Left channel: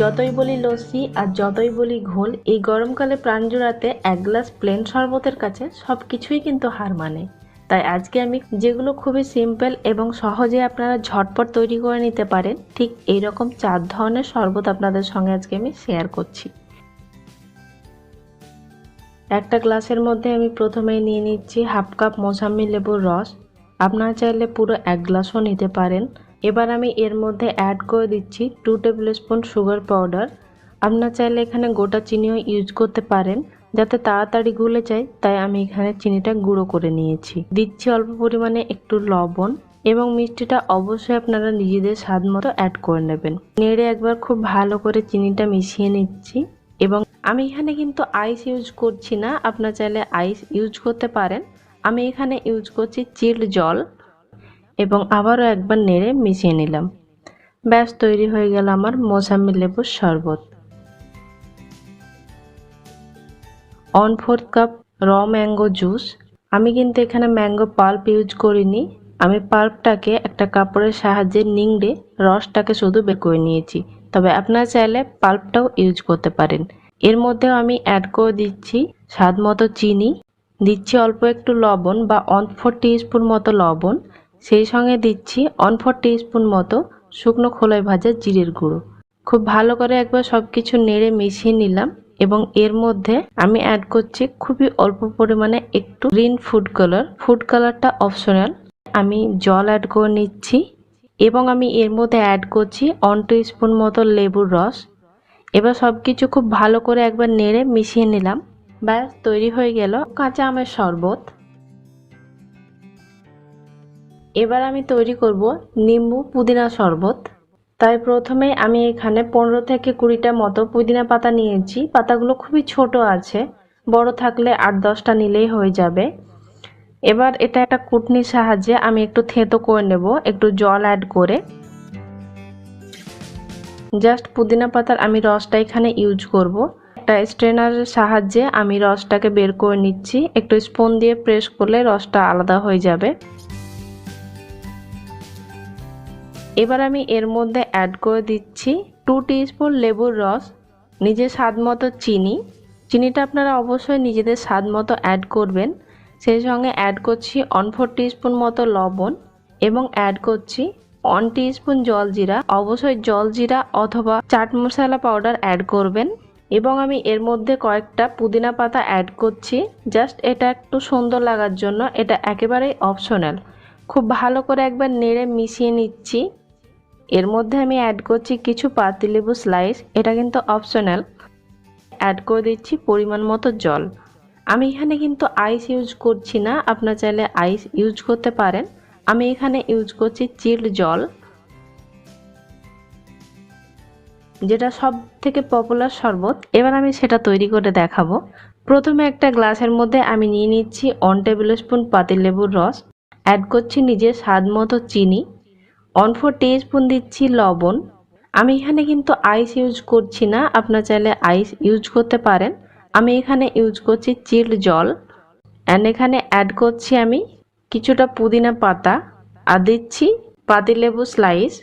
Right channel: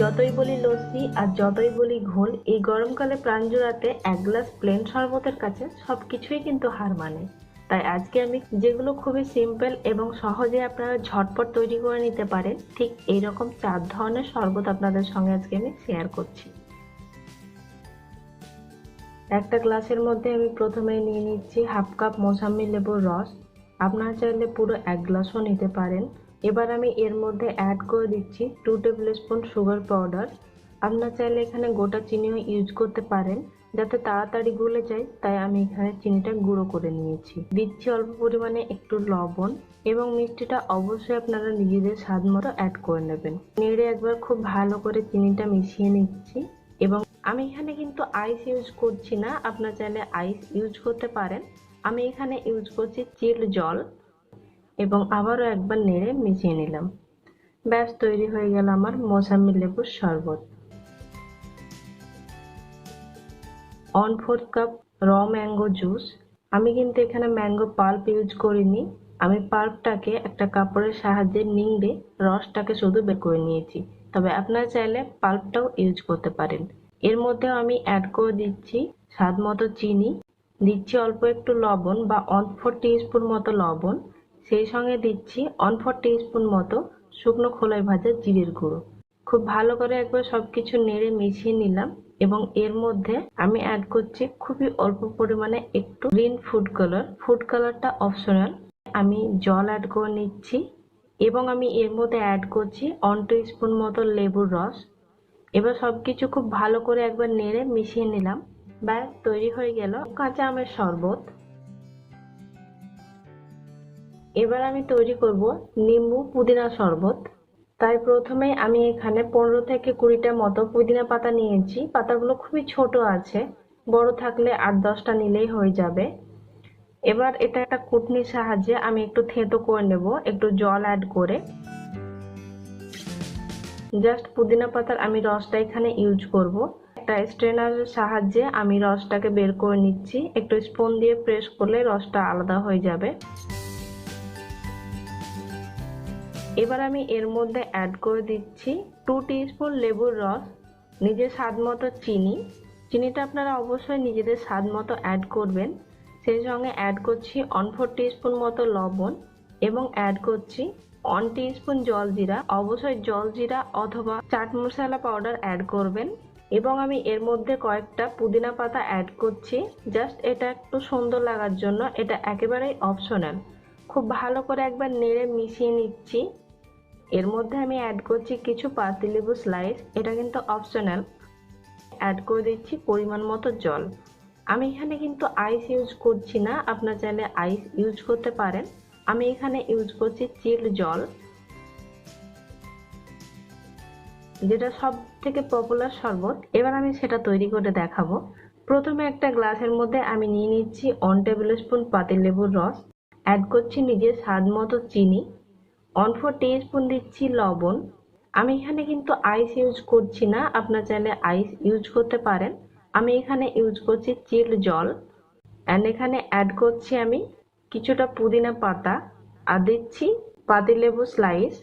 যতই বলি লস্যি আর যতই বলি ঘোল, এই গরমকালে প্রাণ জোড়াতে এক গ্লাস প্লেন শরবতের কাছে সবকিছুই কিন্তু হার মানে। তাই আজকে আমি যেগুলো খুবই সিম্পল এবং সহজে আপনারা ঝটপট তৈরি করে নিতে পারেন, ঠিক এইরকম 4 ধরনের শরবত আপনাদের সঙ্গে আজকে আমি শেয়ার করছি। একটা গ্লাসের মধ্যে আমি প্রথমেই নিয়ে নিচ্ছি হাফ কাপ মৌসুমী লেবুর রস। আপনারা চাইলে পুরো 1 গ্লাসও নিতে পারেন। এবার আমি এর মধ্যে অ্যাড করে দিচ্ছি 2 টেবিল স্পুন সুগার পাউডার। আপনারা চাইলে এখানে গোটা চিনিও ইউজ করতে পারেন, যাতে তাড়াতাড়ি গলে যায়, তাই আমি এখানে চিনিটা গুঁড়ো করে নিয়েছি। দিচ্ছি অল্প পরিমাণে একটু লবণ এবং মিষ্টিটা অবশ্যই আপনারা নিজেদের স্বাদ মতো অ্যাড করে নেবেন। নেড়ে একবার খুব ভালো করে চিনিটা মিশিয়ে নিচ্ছি। এবং আমি এখানে কিন্তু আইস ইউজ করছি না, আপনারা চাইলে আইস ইউজ করতে পারেন। আমি এখানে ইউজ করছি চিল্ড জল এবং আবারও একবার নেড়ে মিশিয়ে নিলাম। ব্যাস তৈরি হয়ে গেল আমার মৌসুমী লেবুর শরবত। 1/4 কাপ র ম্যাঙ্গো জুস। আমি কিন্তু এখানে ম্যাঙ্গো পাল্প ইউজ করিনি, আমি পাল্পটাকে একটা কাপড়ের সাহায্যে নিংড়ে রসটাকে শুধু বের করে নিয়েছি, তবে আপনারা চাইলে পাল্পটাও ইউজ করতে পারেন। এর মধ্যেও আমি অ্যাড করে দিচ্ছি স্বাদ মতো চিনি, দিচ্ছি অল্প একটু লবণ বা 1/4 টিস্পুন মতো লবণ, সেই সঙ্গে দিচ্ছি 1/4 টিস্পুন মতো শুকনো খোলায় ভাজা জিরের গুঁড়ো। খুব ভালো করে একবার সবকিছু নেড়ে মিশিয়ে নিলাম এবং এর মধ্যে আমি অ্যাড করছি খুবই অল্প পরিমাণে একটু গ্রিন ফুড কালার। ফুড কালারটা অপশনাল। আমি জল অ্যাড করে নিচ্ছি এবং আমি এর মধ্যে অ্যাড করছি 1 টিস্পুন মতো লেবুর রস। এবার সবকিছু খুব ভালো করে একবার নেড়ে মিশিয়ে নিলাম। ব্যাস তৈরি হয়ে গেল কাঁচা আমের শরবত। এবার আমি তৈরি করব নিম্বু পুদিনা শরবত। তাই প্রথমে আমি এখানে 15 থেকে 20টা মতো পুদিনা পাতা নিয়েছি। পাতাগুলো খুবই ছোট আছে, বড় থাকলে 8-10টা নিলেই হয়ে যাবে। এবার এটা একটা কুটনির সাহায্যে আমি একটু থেঁতো করে নেব, একটু জল অ্যাড করে। জাস্ট পুদিনা পাতার আমি রসটা এখানে ইউজ করব। একটা স্ট্রেনারের সাহায্যে আমি রসটাকে বের করে নিচ্ছি, একটু স্পুন দিয়ে প্রেস করলে রসটা আলাদা হয়ে যাবে। এবার আমি এর মধ্যে অ্যাড করে দিচ্ছি 2 টিস্পুন লেবুর রস, নিজের স্বাদ মতো চিনি। চিনিটা আপনারা অবশ্যই নিজেদের স্বাদ মতো অ্যাড করবেন। সেই সঙ্গে অ্যাড করছি 1/4 টিস্পুন মতো লবণ এবং অ্যাড করছি 1 টিস্পুন জলজিরা। অবশ্যই জলজিরা অথবা চাট মশলা পাউডার অ্যাড করবেন। এবং আমি এর মধ্যে কয়েকটা পুদিনা পাতা অ্যাড করছি, জাস্ট এটা একটু সুন্দর লাগার জন্য। এটা একেবারেই অপশনাল। খুব ভালো করে একবার নেড়ে মিশিয়ে নিচ্ছি। এর মধ্যে আমি অ্যাড করছি কিছু পাতিলেবু স্লাইস, এটা কিন্তু অপশনাল। অ্যাড করে দিচ্ছি পরিমাণ মতো জল। আমি এখানে কিন্তু আইস ইউজ করছি না, আপনারা চাইলে আইস ইউজ করতে পারেন। আমি এখানে ইউজ করছি চিল্ড জল, যেটা সব থেকে পপুলার শরবত। এবার আমি সেটা তৈরি করে দেখাবো। প্রথমে একটা গ্লাসের মধ্যে আমি নিয়ে নিচ্ছি 1 টেবিল স্পুন পাতিলেবুর রস, অ্যাড করছি নিজের স্বাদ মতো চিনি, 1/4 টিস্পুন দিচ্ছি লবণ। আমি এখানে কিন্তু আইস ইউজ করছি না, আপনারা চাইলে আইস ইউজ করতে পারেন। আমি এখানে ইউজ করছি চিল্ড জল অ্যান্ড এখানে অ্যাড করছি আমি কিছুটা পুদিনা পাতা আর দিচ্ছি পাতিলেবু স্লাইস।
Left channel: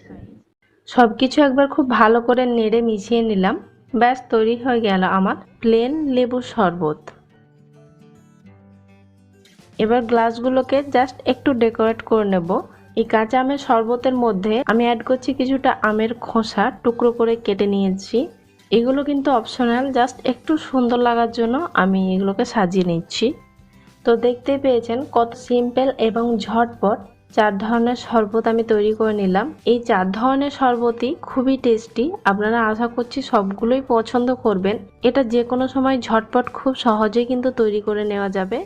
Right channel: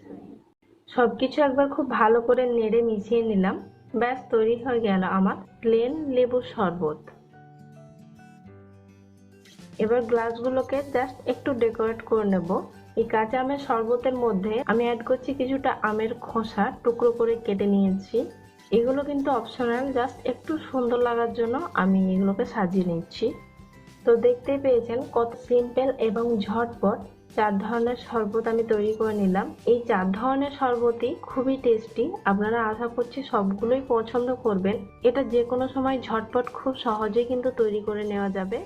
সব কিছু একবার খুব ভালো করে নেড়ে মিশিয়ে নিলাম। ব্যাস তৈরি হয়ে গেল আমার প্লেন লেবুর শরবত। এবার গ্লাসগুলোকে জাস্ট একটু ডেকোরেট করে নেব। এই কাঁচা আমের শরবতের মধ্যে আমি অ্যাড করছি কিছুটা আমের খোসা টুকরো করে কেটে নিয়েছি। এগুলো কিন্তু অপশনাল, জাস্ট একটু সুন্দর লাগার জন্য আমি এগুলোকে সাজিয়ে নিচ্ছি। তো দেখতেই পেয়েছেন কত সিম্পল এবং ঝটপট 4 ধরনের শরবত আমি তৈরি করে নিলাম। এই 4 ধরনের শরবতই খুবই টেস্টি, আপনারা আশা করছি সবগুলোই পছন্দ করবেন। এটা যে কোনো সময় ঝটপট খুব সহজেই কিন্তু তৈরি করে নেওয়া যাবে।